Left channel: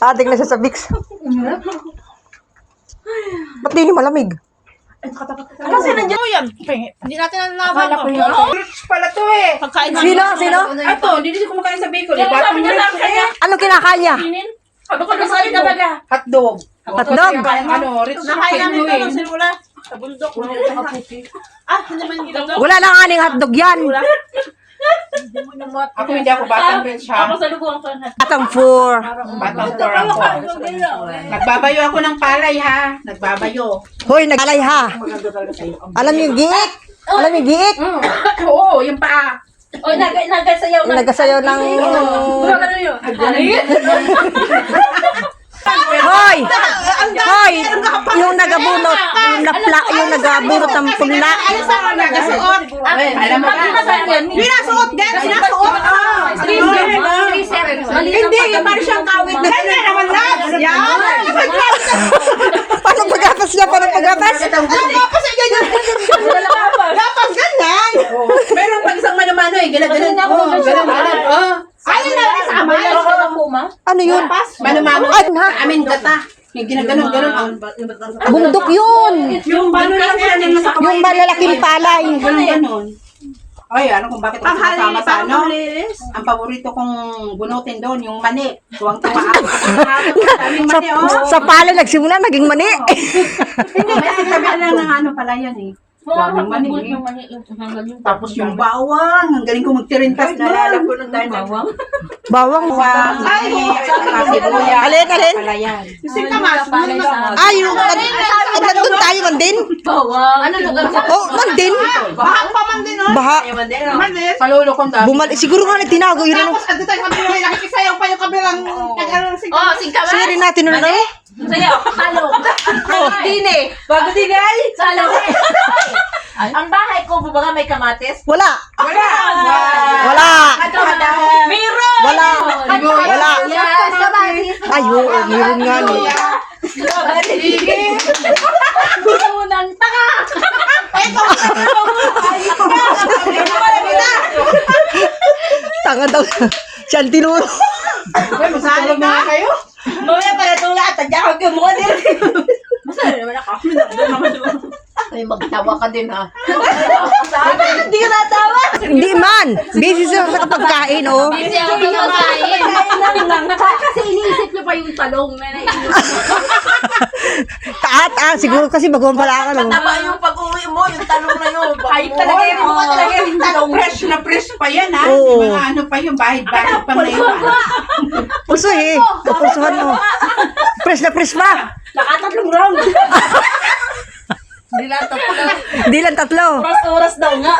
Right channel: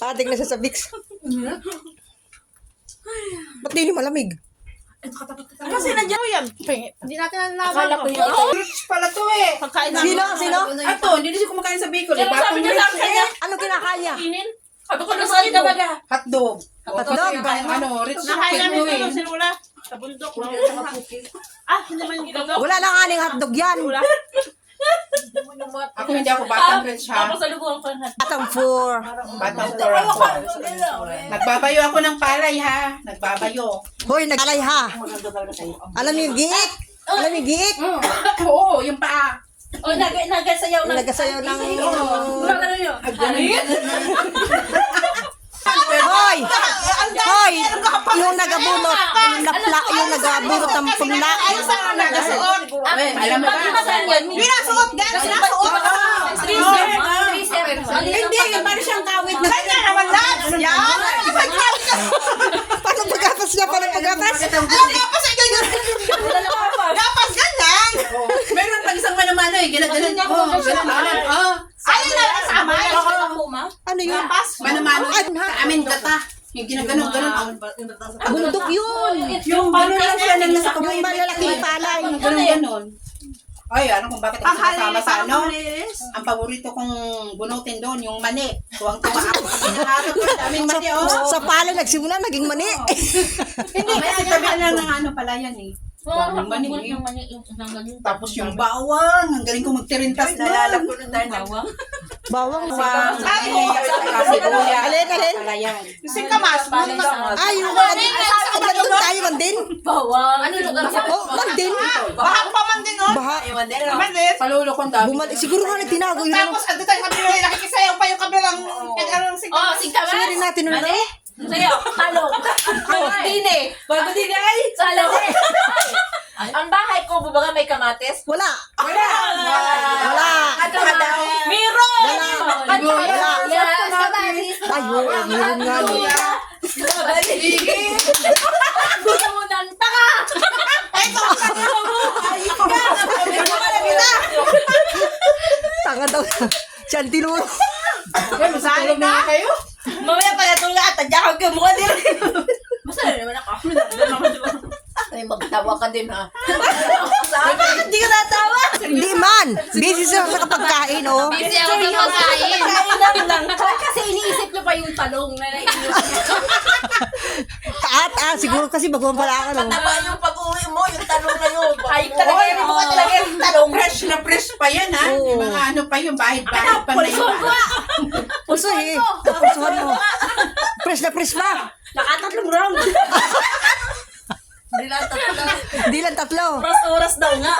Adik na siya sa Vicks. Ba't di malamig? Kasi nandiyan yan. Hindi natin nalalaman. Rich pala to eh. Pagkain Sino? Ito, hindi na siya kumakain sa bacon. Kaya sabi niya sa kanya. Ano kinakain niya? Sabi ko nasabi ka talaga. Hotdog. Hotdog? Rich Nakain chicken namin mo ito eh. nung sinula. Sa bundok. Hindi naman ginawa. Wala lang aning hotdog yan. Ako hindi ako batang rich ha. Ako sa lubong ko na. Atang 4. Batang for ako. Nagbabayo ako ng palay ha. Nagbabayo. Hoy, naglalay ha. Alam niyo yung giik? Alam niyo yung giik? Oo, yung paa. O, nagasayaw na. Nagasayaw ng... Ano yun? Hoy! Hoy! Yung nagabunot. Yung nagabunot ng pula. Saan nagasuot? Alam mo Pinasuot, gano'n, sinasuot. Hindi, parang siyang kawit na kanya naman laps. Yan. Paano pagapas niya? Paano pagapas? Tapos ay ganyan. Dapat ganyan. Pero pag isang mano-mano eh, gila-galan. Gala-galan. Ayun na, kasama. Ano yun? Mano-mano. Ay, ha? Sa amin gata. Yung ginaganon-ganon. Bundok yun. Yung paano lang sila nang nasa kamay. Yung malalaking palay. Ganon-ganon. Ay, ano kung bakit ako sumasama sa ano? Ang paborito kong bunutin doon, yung mani. Tuwang-tuwa ako. Daming Sa, mani, oh. sa palay nagsimula, naging mani. Hindi, kasi tabi lang ng ano pala yan eh. Daming mani eh. Tapos yung bawang, ang galing ko magtirintas na. Nalala ko nung tayo ng bawang. Bawang. Ay, sibuyas. Alin, alin? Pala yan. Kasi kamas, Ay, yung nandun tayo, mandin. bawang. Ano lugar sa Oh, mandin. Bahang pa man din, oh. Baha. Mandin. Palulo kong dami. Bumalik. Siguro nga tinago yun. Tapos, ando tayo kabilang, nakikisayaw pa yung kabilang kag-alang Oh, singkamas. Siri natin nun. Sayo, talong. Dine. Bago din ay. Salong. Ang bahay ko, bubaga may kamatis. Wala. Wala. Wala. Meron. Wala. Wala. Yes, kamatis. Ay, oo, meron nga. No. Gusto ng tanga. Tanga daw. Siya ang tinuro. Masatulog na nga kayo? Mamaya pala tula at tadya ko kayo mukha din. Masaya naman ako. Ay, magtawa ka din ha. Bakit di ka natawa? Hindi man. Busy sa kapagkain, oh. Kasi ako sa pagkain. Kasi iniisip niyo pa yung talong na naiinom. Taat, siguro kasi baguhan pala ka, no? Tama yung pag-uwi mo, yung talong na yun. Ay, talaga yung mukha talaga yung talong. Fresh na fresh pa yan, ha? Oo. Mga ano pa yung bahid-bahid pa na yun. Puso eh. Pusuhan mo. Press na press pa. Nakatatlong round. Hindi lang Di lang tatlo. oras daw nga.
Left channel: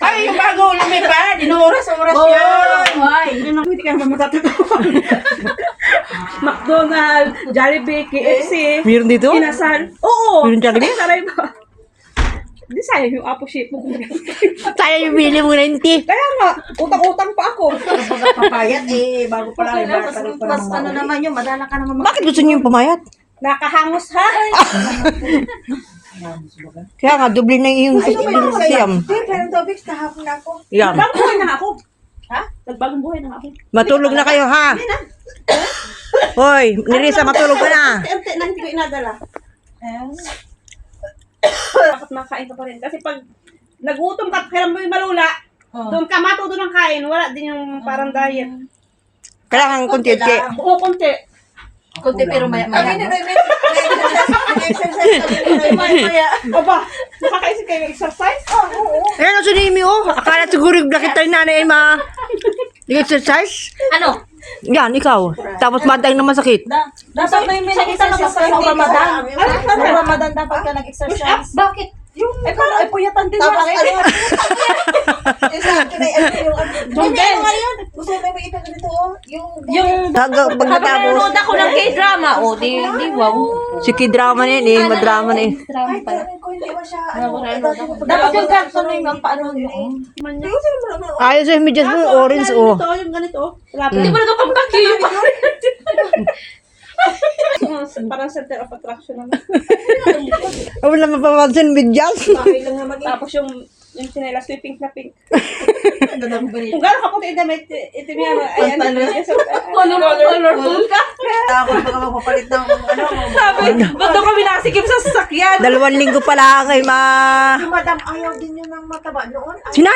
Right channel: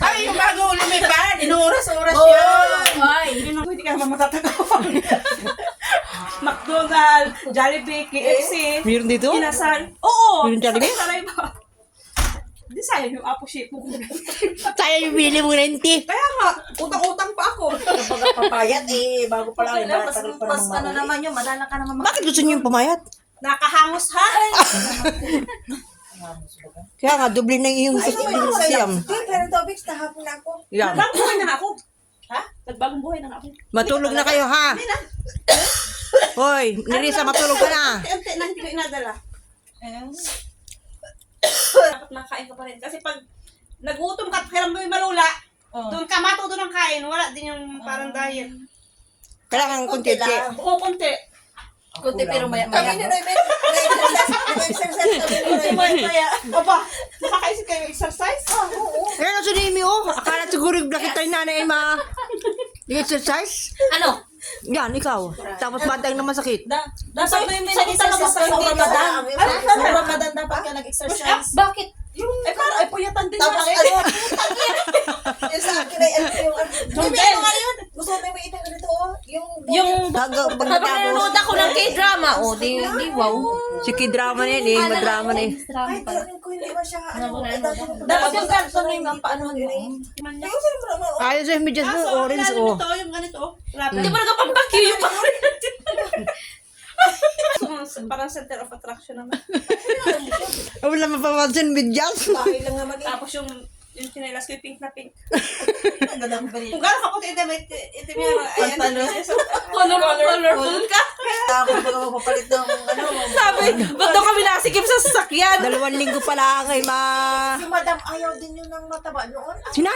Ay, yung bago lumipad, inuoras-oras yan. Ay, Hindi ka naman matatagawa. McDonald's, Jollibee, KFC, Meron dito? Inasal. Oo! Meron Jollibee? Saray ba? Hindi sayang yung apo shape mo. Tayo yung bili mo 90. Kaya nga, utang-utang pa ako. Papayat eh, bago pa lang. mas ano naman yun, madala ka naman. Bakit gusto niyo yung pumayat? Nakahangos ha? Kaya nga, doble na yung siyam. Pero topics, kahapon ako. Yan. Nagbagong buhay na nga ako. Ha? Nagbagong buhay na nga ako. Matulog na kayo, ha? Hoy, Nerissa, matulog ka na. Ante na hindi ko inadala. Dapat makain ka pa rin. Kasi pag nagutom ka, kaya mo yung malula, doon ka matuto ng kain, wala din yung parang diet. Kailangan konti-konti. Oo, konti. Kunti pero maya. Aba, nakakaisip kayo ng exercise? Oo. Ano sa Nimi, oh? Akala siguro bakit tayo nanay ay exercise? Ano? Yan, ikaw. Tapos matay na masakit. Dapat may nag-exercise ka sa Ramadan. Sa Ramadan dapat ka nag-exercise. Bakit? Eh, parang ay puyatan din Tapos na. ano? Yung sa akin ay ano yung ano. Jungel. Gusto na may itang ganito, oh. Yung Pag natapos, nanonood ako ng K-drama. O, di wow. si Kidrama na yun eh. Madrama na eh. Ay, tarin ko, hindi ba siya, ano, Dapat yung caption yung paano mo. Ayos yung medyas mo, orange, oh. Ito, yung ganito. Grabe. Hindi ba nagpampakyo yung Parang center of attraction naman. Wala mapapansin medyas. Tapos yung Yung chinelas ko yung pink na pink. Ganda ng balik. Kung gano'n kaputi itim yan. Ayan. Colorful ka. Ako na baka magpapalit ng ano. Sabi, ba't daw kami nasikip sa sasakyan? 2 linggo pala kay ma... Si madam ayaw din yun ng mataba noon. Sina